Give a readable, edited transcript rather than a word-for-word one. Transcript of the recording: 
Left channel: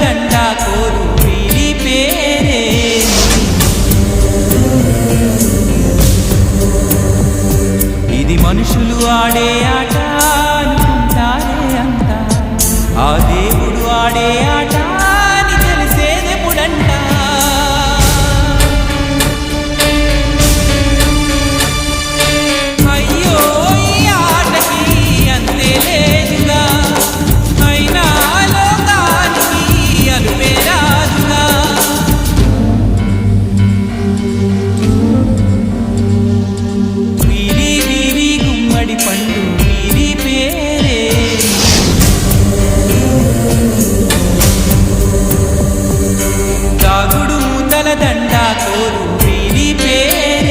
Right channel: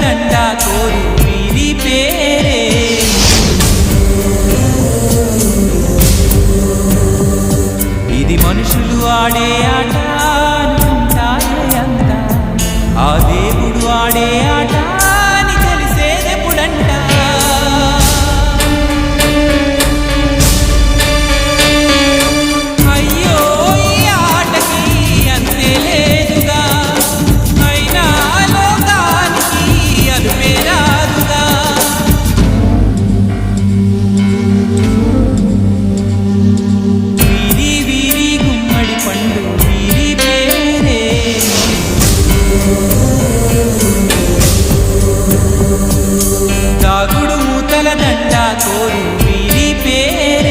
దండ కోరు వీరి పేరేమి? ఇది మనుషులు ఆడే ఆట అనుకుంటారే అంతా, ఆ దేవుడు ఆడే ఆట అని తెలిసేదెప్పుడంట? అయ్యో ఈ ఆటకి అంతే లేదుగా, అయినా లోకానికి అలుపే రాదుగా. వీరి వీరి గుమ్మడి పండు వీరి పేరేమి? దాగుడు మూతల దండ కోరు వీరి పేరే